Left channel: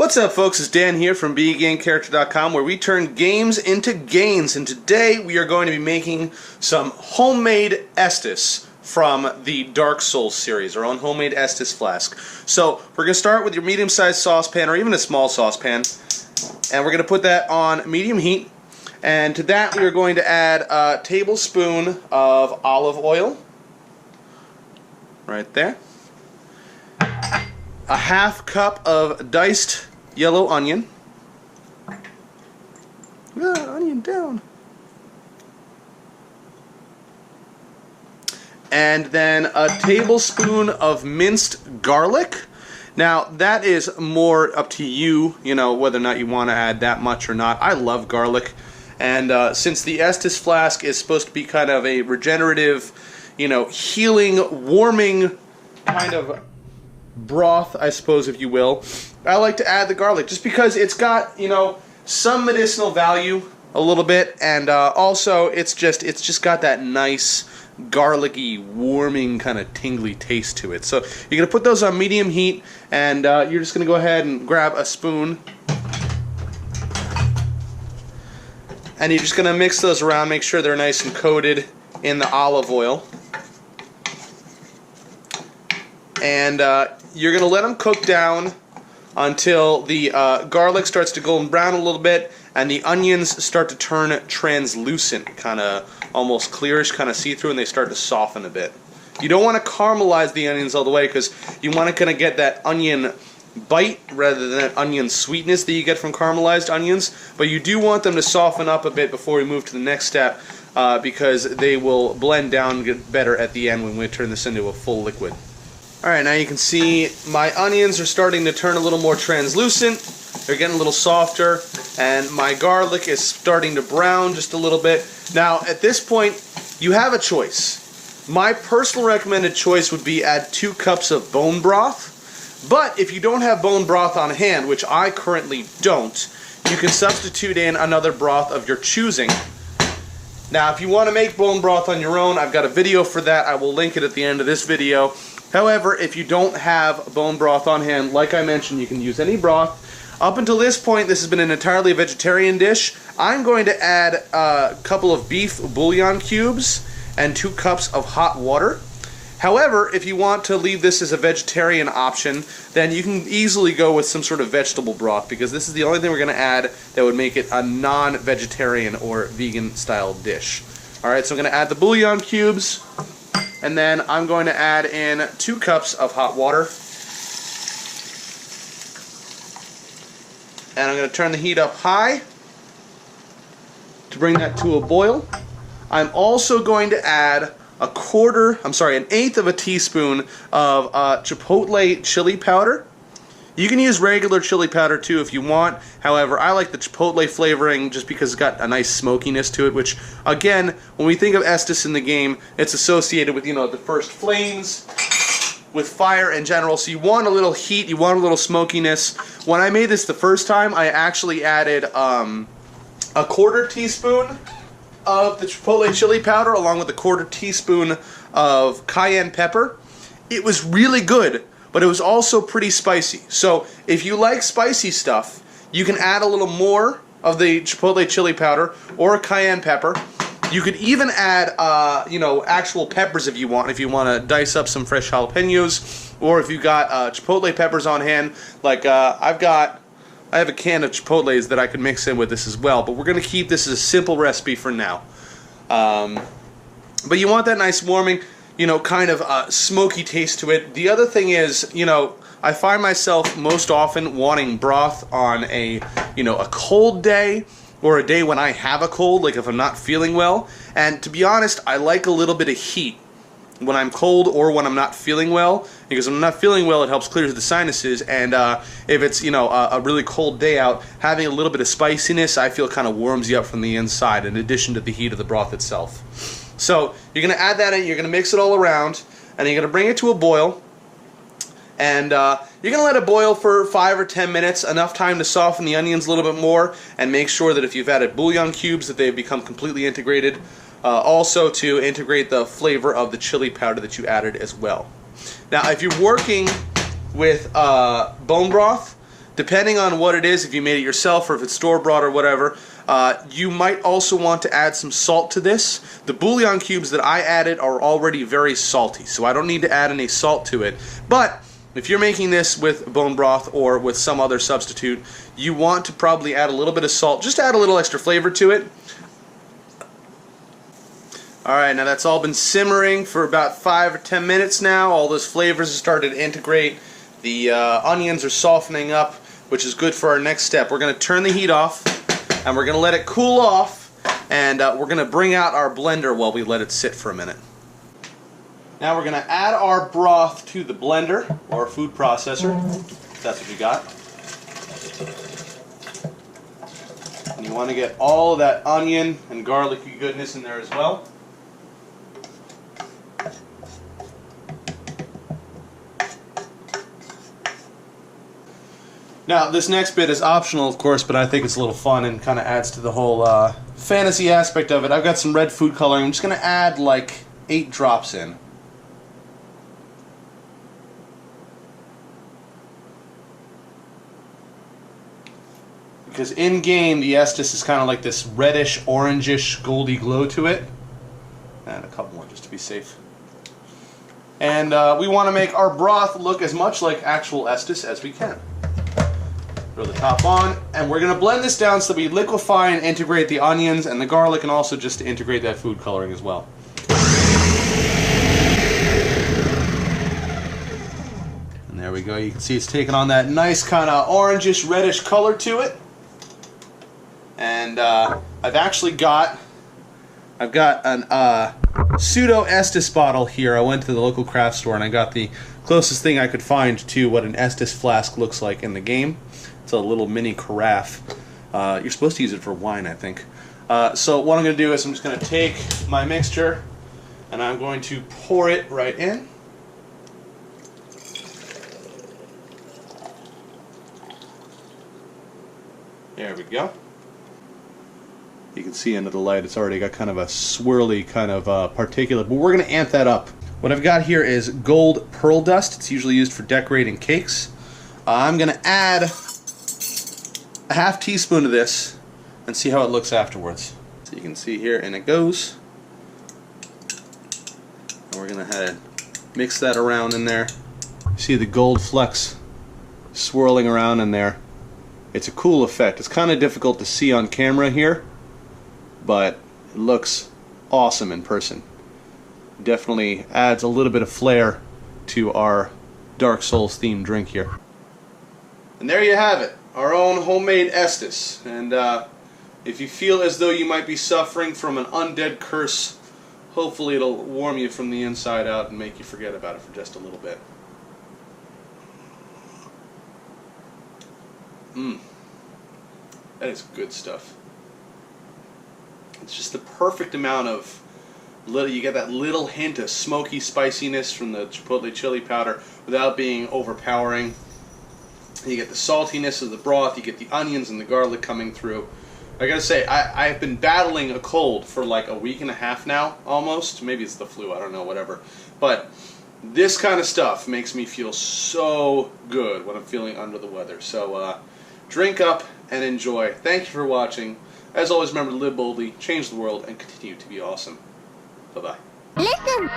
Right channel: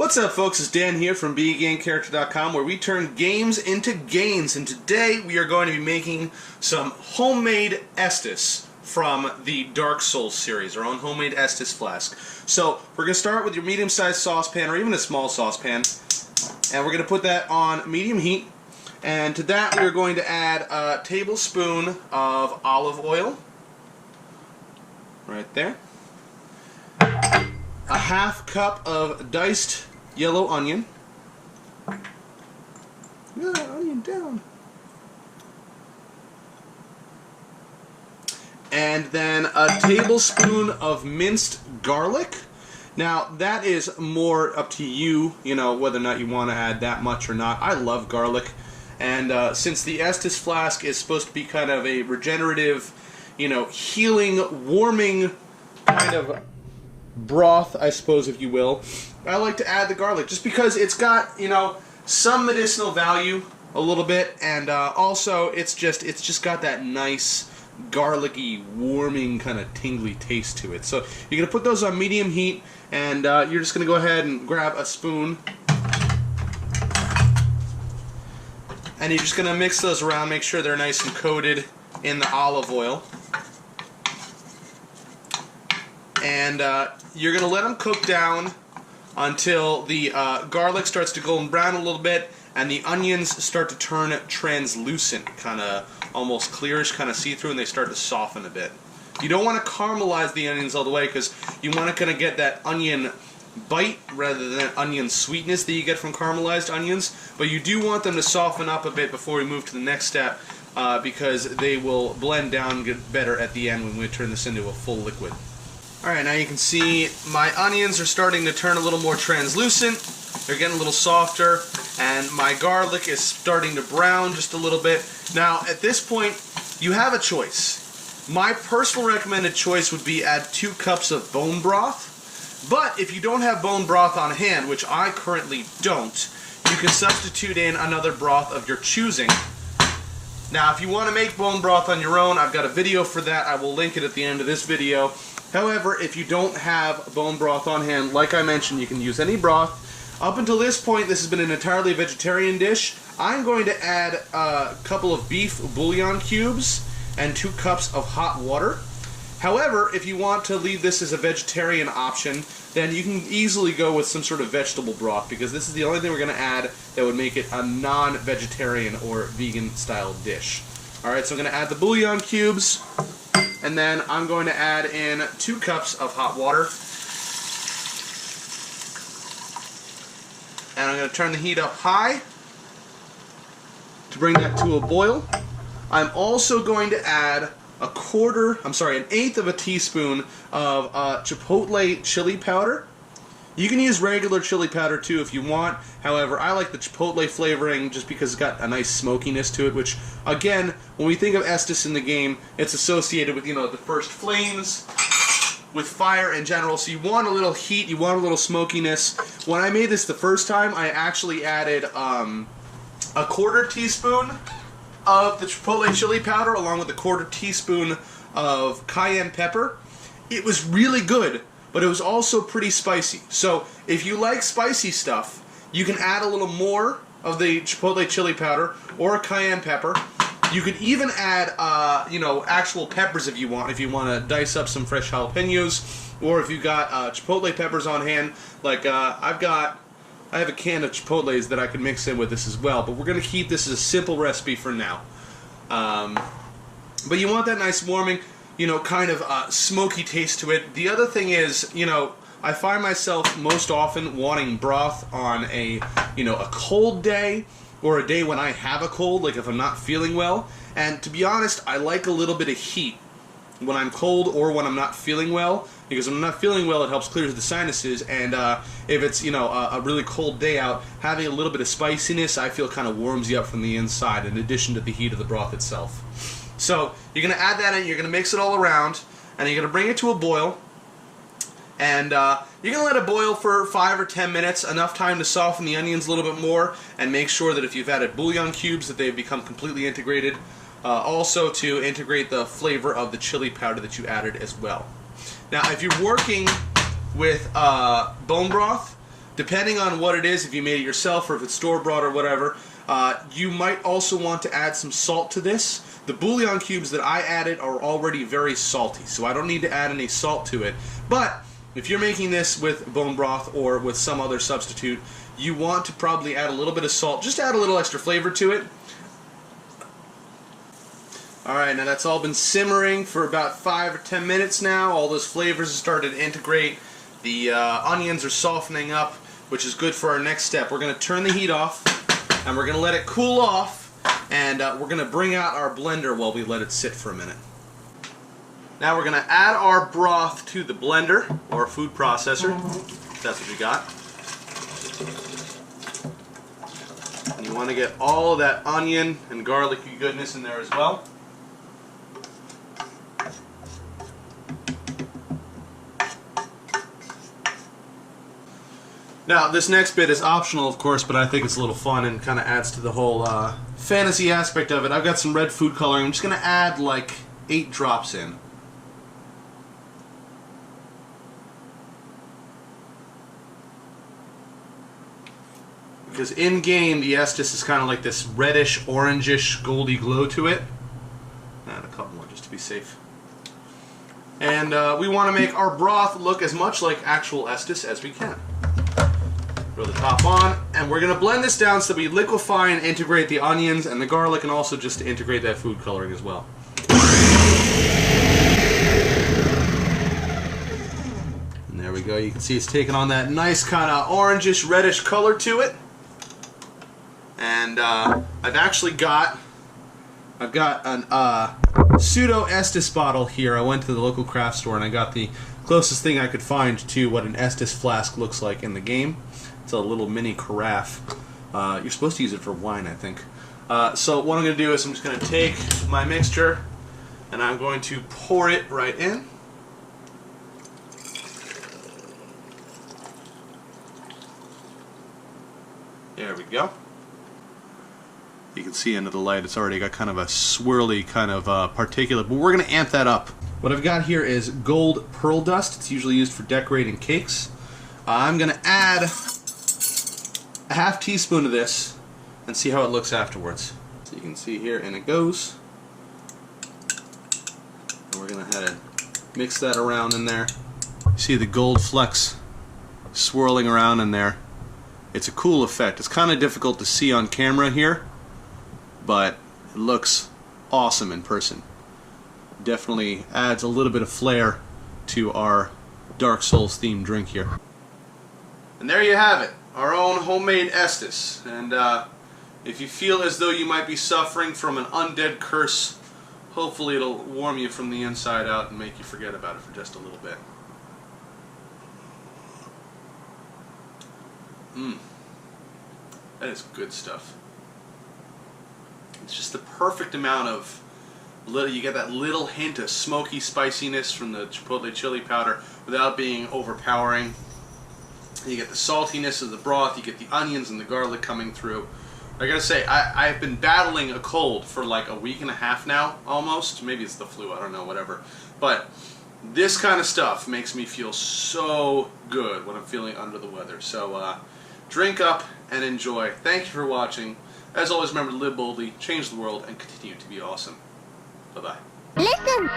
What's up, folks? It's Dan here from BeGameCharacter.com, where we turn games into gains, and today we are going to be making some homemade Estus from the Dark Souls series, our own homemade Estus Flask. So we're going to start with your medium-sized saucepan, or even a small saucepan, and we're going to put that on medium heat, and to that we are going to add a tablespoon of olive oil, right there, a half cup of diced yellow onion. Onion down. And then a tablespoon of minced garlic. Now that is more up to you, whether or not you want to add that much or not. I love garlic, and since the Estus Flask is supposed to be kind of a regenerative, healing, warming kind of broth, I suppose, if you will, I like to add the garlic just because it's got, some medicinal value a little bit, and also it's just got that nice garlicky, warming, kind of tingly taste to it. So you're going to put those on medium heat, and you're just going to go ahead and grab a spoon, and you're just going to mix those around, make sure they're nice and coated in the olive oil. And you're going to let them cook down until the garlic starts to golden brown a little bit and the onions start to turn translucent, kind of almost clearish, kind of see-through, and they start to soften a bit. You don't want to caramelize the onions all the way because you want to kind of get that onion bite rather than that onion sweetness that you get from caramelized onions, but you do want them to soften up a bit before we move to the next step because they will blend down better at the end when we turn this into a full liquid. Alright, now you can see my onions are starting to turn a little more translucent. They're getting a little softer, and my garlic is starting to brown just a little bit. Now, at this point, you have a choice. My personal recommended choice would be add 2 cups of bone broth, but if you don't have bone broth on hand, which I currently don't, you can substitute in another broth of your choosing. Now, if you want to make bone broth on your own, I've got a video for that. I will link it at the end of this video. However, if you don't have bone broth on hand, like I mentioned, you can use any broth. Up until this point, this has been an entirely vegetarian dish. I'm going to add a couple of beef bouillon cubes and 2 cups of hot water. However, if you want to leave this as a vegetarian option, then you can easily go with some sort of vegetable broth, because this is the only thing we're going to add that would make it a non-vegetarian or vegan-style dish. Alright, so I'm going to add the bouillon cubes, and then I'm going to add in 2 cups of hot water. And I'm going to turn the heat up high to bring that to a boil. I'm also going to add an eighth of a teaspoon of chipotle chili powder. You can use regular chili powder too if you want. However, I like the chipotle flavoring just because it's got a nice smokiness to it, which, again, when we think of Estus in the game, it's associated with, the first flames, with fire in general, so you want a little heat, you want a little smokiness. When I made this the first time, I actually added a 1/4 teaspoon of the chipotle chili powder along with a 1/4 teaspoon of cayenne pepper. It was really good, but it was also pretty spicy. So if you like spicy stuff, you can add a little more of the chipotle chili powder or cayenne pepper. You could even add, actual peppers if you want to dice up some fresh jalapenos, or if you got chipotle peppers on hand. Like I have a can of chipotles that I could mix in with this as well. But we're going to keep this as a simple recipe for now. But you want that nice warming, kind of smoky taste to it. The other thing is, I find myself most often wanting broth on a cold day, or a day when I have a cold, like if I'm not feeling well. And to be honest, I like a little bit of heat when I'm cold or when I'm not feeling well, because when I'm not feeling well, it helps clear the sinuses, and if it's, a really cold day out, having a little bit of spiciness, I feel kind of warms you up from the inside, in addition to the heat of the broth itself. So, you're going to add that in, you're going to mix it all around, and you're going to bring it to a boil, and you're going to let it boil for 5 or 10 minutes, enough time to soften the onions a little bit more, and make sure that if you've added bouillon cubes that they've become completely integrated. Also to integrate the flavor of the chili powder that you added as well. Now, if you're working with bone broth, depending on what it is, if you made it yourself or if it's store-bought or whatever, you might also want to add some salt to this. The bouillon cubes that I added are already very salty, so I don't need to add any salt to it. But if you're making this with bone broth or with some other substitute, you want to probably add a little bit of salt, just to add a little extra flavor to it. Alright, now that's all been simmering for about 5 or 10 minutes now. All those flavors have started to integrate. The onions are softening up, which is good for our next step. We're going to turn the heat off, and we're going to let it cool off, and we're going to bring out our blender while we let it sit for a minute. Now we're going to add our broth to the blender, or food processor, if that's what you got. And you want to get all of that onion and garlicky goodness in there as well. Now, this next bit is optional, of course, but I think it's a little fun and kind of adds to the whole fantasy aspect of it. I've got some red food coloring. I'm just going to add like 8 drops in. Because in-game, the Estus is kind of like this reddish, orangish, goldy glow to it. And a couple more just to be safe. And we want to make our broth look as much like actual Estus as we can. Throw the top on, and we're going to blend this down so that we liquefy and integrate the onions and the garlic, and also just to integrate that food coloring as well. And there we go. You can see it's taking on that nice kind of orangish, reddish color to it. And I've got an pseudo Estus bottle here. I went to the local craft store and I got the closest thing I could find to what an Estus flask looks like in the game. It's a little mini carafe. You're supposed to use it for wine, I think. So what I'm going to do is I'm just going to take my mixture and I'm going to pour it right in. There we go. You can see under the light it's already got kind of a swirly kind of particulate, but we're going to amp that up. What I've got here is gold pearl dust. It's usually used for decorating cakes. I'm going to add a ½ teaspoon of this and see how it looks afterwards. So you can see here, and it goes. And we're going to mix that around in there. See the gold flecks swirling around in there. It's a cool effect. It's kind of difficult to see on camera here, but it looks awesome in person. Definitely adds a little bit of flair to our Dark Souls themed drink here. And there you have it, our own homemade Estus. And if you feel as though you might be suffering from an undead curse, hopefully it'll warm you from the inside out and make you forget about it for just a little bit. That is good stuff. It's just the perfect amount of you get that little hint of smoky spiciness from the chipotle chili powder without being overpowering. You get the saltiness of the broth, you get the onions and the garlic coming through. I gotta say, I've been battling a cold for like a week and a half now, almost. Maybe it's the flu, I don't know, whatever. But this kind of stuff makes me feel so good when I'm feeling under the weather. So drink up and enjoy. Thank you for watching. As always, remember to live boldly, change the world, and continue to be awesome. Bye-bye. Listen!